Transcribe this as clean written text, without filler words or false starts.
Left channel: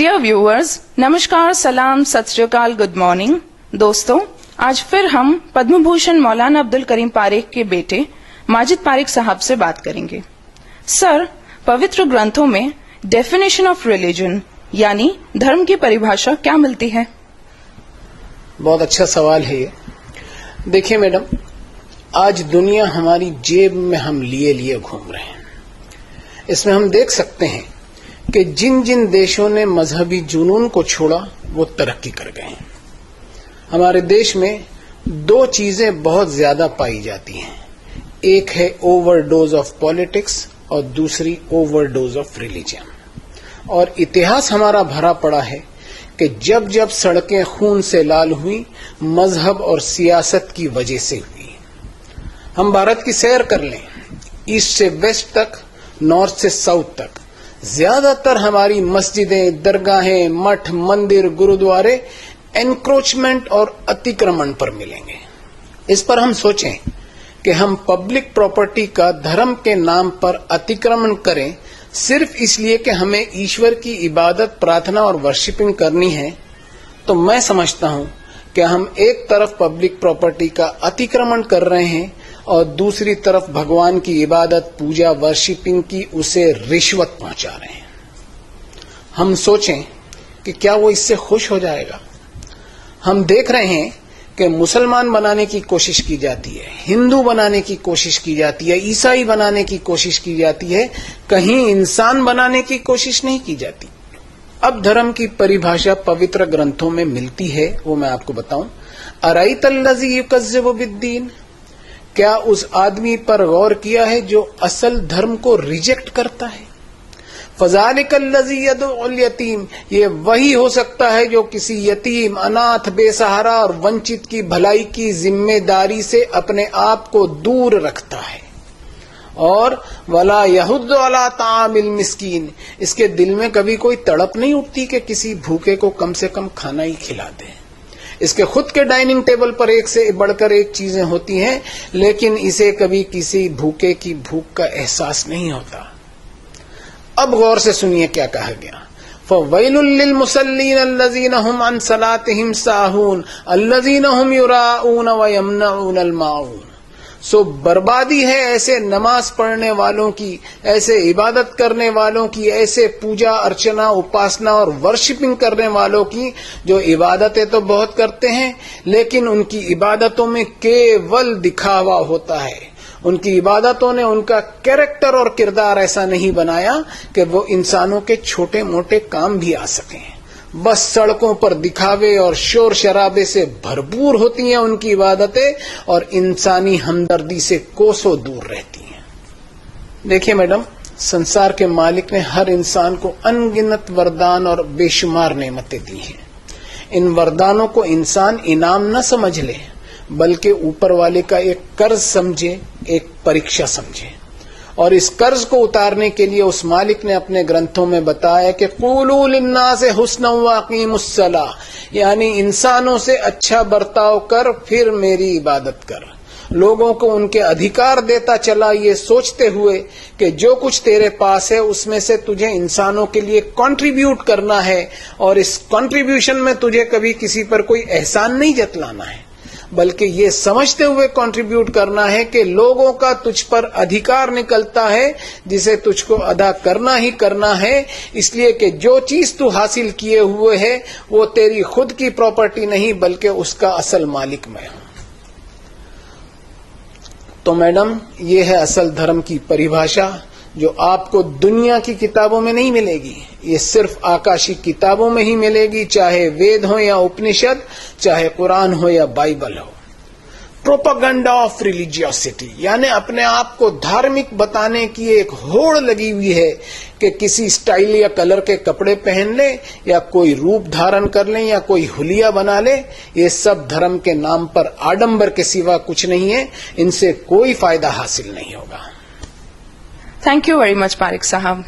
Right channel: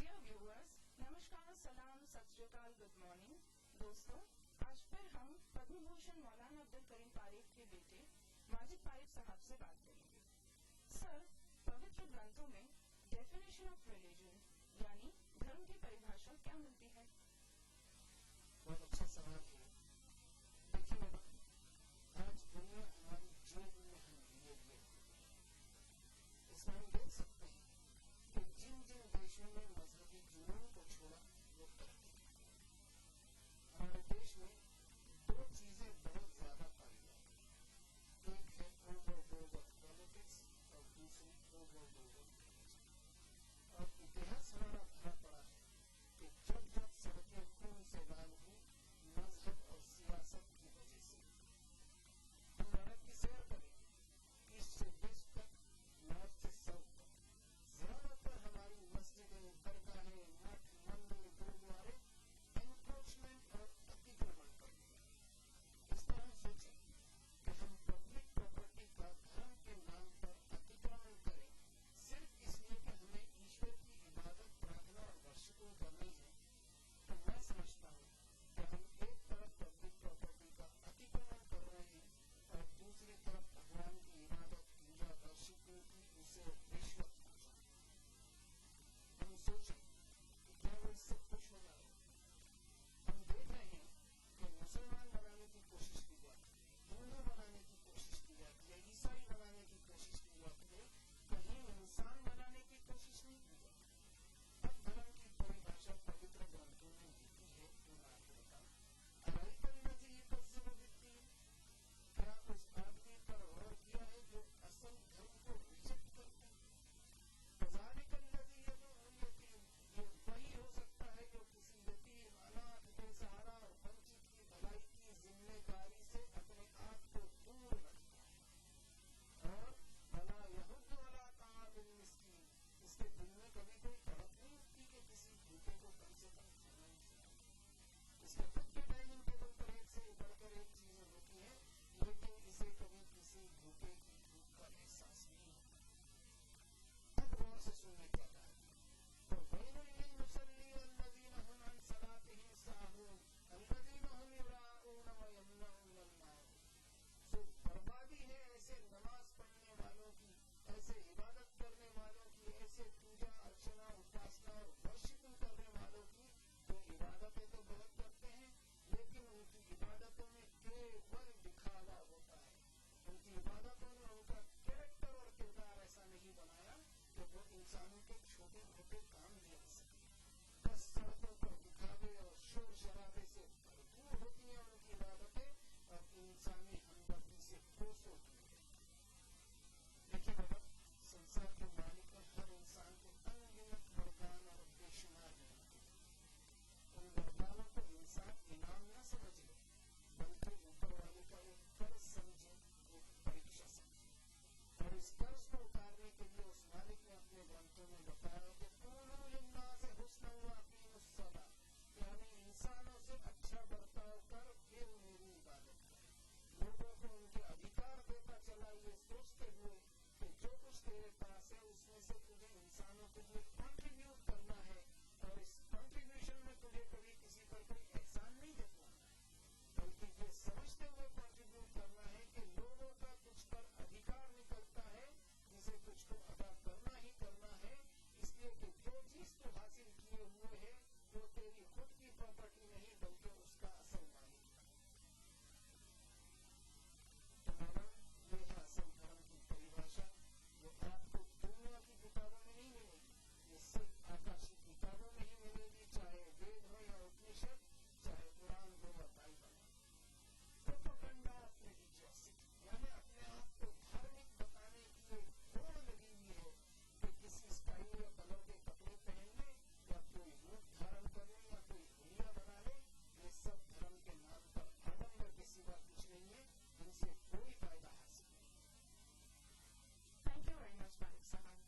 Dear viewers, नमस्कार, सलाम, सत श्री अकाल, गुड मॉर्निंग। दोस्तों, आज फिर हम पद्म भूषण मौलाना अब्दुल करीम पारेख के बेटे माजिद पारेख साहब से बात करेंगे। सर, पवित्र ग्रंथों में डेफिनेशन ऑफ रिलीजन यानी धर्म की परिभाषा क्या मिलती है? बहुत अच्छा सवाल है ये। देखिए मैडम, आज दुनिया हमारी जेब में हम लिए घूम रहे हैं। इसमें हम देख सकते हैं कि जिन जिन देशों ने मजहबी जुनून को छोड़ा वो तरक्की कर गए हैं। हमारे देश में दो चीजें बहुत ज्यादा पाई जाती हैं, एक है ओवरडोज ऑफ पॉलिटिक्स और दूसरी ओवरडोज ऑफ रिलीजन। और इतिहास हमारा भरा पड़ा है कि जब जब सड़कें खून से लाल हुई, मजहब और सियासत की वजह से हुई। हम भारत की सैर कर लें, ईस्ट से वेस्ट तक, नॉर्थ से साउथ तक, ज्यादातर हमारी मस्जिदें, दरगाहें, मठ, मंदिर, गुरुद्वारे एनक्रोचमेंट और अतिक्रमण पर मिलेंगे। इस पर हम सोचें कि हम पब्लिक प्रॉपर्टी का धर्म के नाम पर अतिक्रमण करें सिर्फ इसलिए कि हमें ईश्वर की इबादत, प्रार्थना और वर्शिपिंग करनी है, तो मैं समझता हूं कि हम एक तरफ पब्लिक प्रॉपर्टी का अतिक्रमण कर रहे हैं और दूसरी तरफ भगवान की इबादत, पूजा, वर्शिपिंग की उसे रिश्वत पहुंचा रहे हैं। हम सोचें कि क्या वो इससे खुश हो जाएगा? हम देख रहे हैं कि मुसलमान बनाने की कोशिश की जाती है, हिंदू बनाने की कोशिश की जाती है, ईसाई बनाने की कोशिश की जाती है, कहीं इंसान बनाने की कोशिश नहीं की जाती। अब धर्म की परिभाषा पवित्र ग्रंथों में मिलती है, वो मैं आपको बताऊं। अराइतल्लज़ी युकज़्ज़िबु बिद्दीन, क्या उस आदमी पर गौर किया है जो असल धर्म को रिजेक्ट करता है? फज़ालिकल्लज़ी यदउल यतीम, ये वही हो सकता है जो किसी यतीम, अनाथ, बेसहारा और वंचित की भलाई की जिम्मेदारी से अपने आप को दूर रखता है। और वला यहुद्दु अला तामिल मिस्कीन, इसके दिल में कभी कोई तड़प नहीं उठती कि किसी भूखे को कम से कम खाना ही खिला दे। इसके खुद के डाइनिंग टेबल पर एक से बढ़कर एक चीजें होती हैं, लेकिन इसे कभी किसी भूखे की भूख का एहसास नहीं होता। अब गौर से सुनिए क्या कहा गया। फ़वैलुल लिल मुसल्लीन अल्लज़ीना हुम अन सलातिहिम साहून अल्लज़ीना हुम युराऊन व यमनऊनल माऊन। सो बर्बादी है ऐसे नमाज पढ़ने वालों की, ऐसे इबादत करने वालों की, ऐसे पूजा अर्चना, उपासना और वर्शिपिंग करने वालों की जो इबादतें तो बहुत करते हैं, लेकिन उनकी इबादतों में केवल दिखावा होता है। उनकी इबादतों ने उनका कैरेक्टर और किरदार ऐसा नहीं बनाया कि वो इंसानों के छोटे मोटे काम भी आ सकें। बस सड़कों पर दिखावे और शोर शराबे से भरपूर होती हैं उनकी इबादतें, और इंसानी हमदर्दी से कोसों दूर रहती हैं। देखिए मैडम, संसार के मालिक ने हर इंसान को अनगिनत वरदान और बेशुमार नेमतें दी हैं। इन वरदानों को इंसान इनाम न समझ ले, बल्कि ऊपर वाले का एक कर्ज समझे, एक परीक्षा समझे। और इस कर्ज को उतारने के लिए उस मालिक ने अपने ग्रंथों में बताया कि क़ूलू लिन्नास हुस्नन व अक़ीमुस्सलाह, यानी इंसानों से अच्छा बर्ताव कर, फिर मेरी इबादत कर। लोगों को उनके अधिकार देता चला, ये सोचते हुए कि जो कुछ तेरे पास है उसमें से तुझे इंसानों के लिए कंट्रीब्यूट करना है, और इस कंट्रीब्यूशन में तुझे कभी किसी पर कोई एहसान नहीं जतलाना है, बल्कि ये समझते हुए कंट्रीब्यूट करना है कि लोगों का तुझ पर अधिकार निकलता है जिसे तुझको अदा करना ही करना है, इसलिए कि जो चीज तू हासिल किए हुए है वो तेरी खुद की प्रॉपर्टी नहीं, बल्कि उसका असल मालिक मैं हूं। तो मैडम, ये है असल धर्म की परिभाषा, जो आपको दुनिया की किताबों में नहीं मिलेगी। ये सिर्फ आकाशी किताबों में ही मिलेगी, चाहे वेद हो या उपनिषद, चाहे कुरान हो या बाइबल हो। प्रोपेगेंडा ऑफ रिलीजियोसिटी, यानी अपने आप को धार्मिक बताने की एक होड़ लगी हुई है कि किसी स्टाइल या कलर के कपड़े पहन ले, या कोई रूप धारण कर ले, या कोई हुलिया बना ले। ये सब धर्म के नाम पर आडंबर के सिवा कुछ नहीं है, इनसे कोई फायदा हासिल नहीं होगा। Thank you very much Parekh साहब।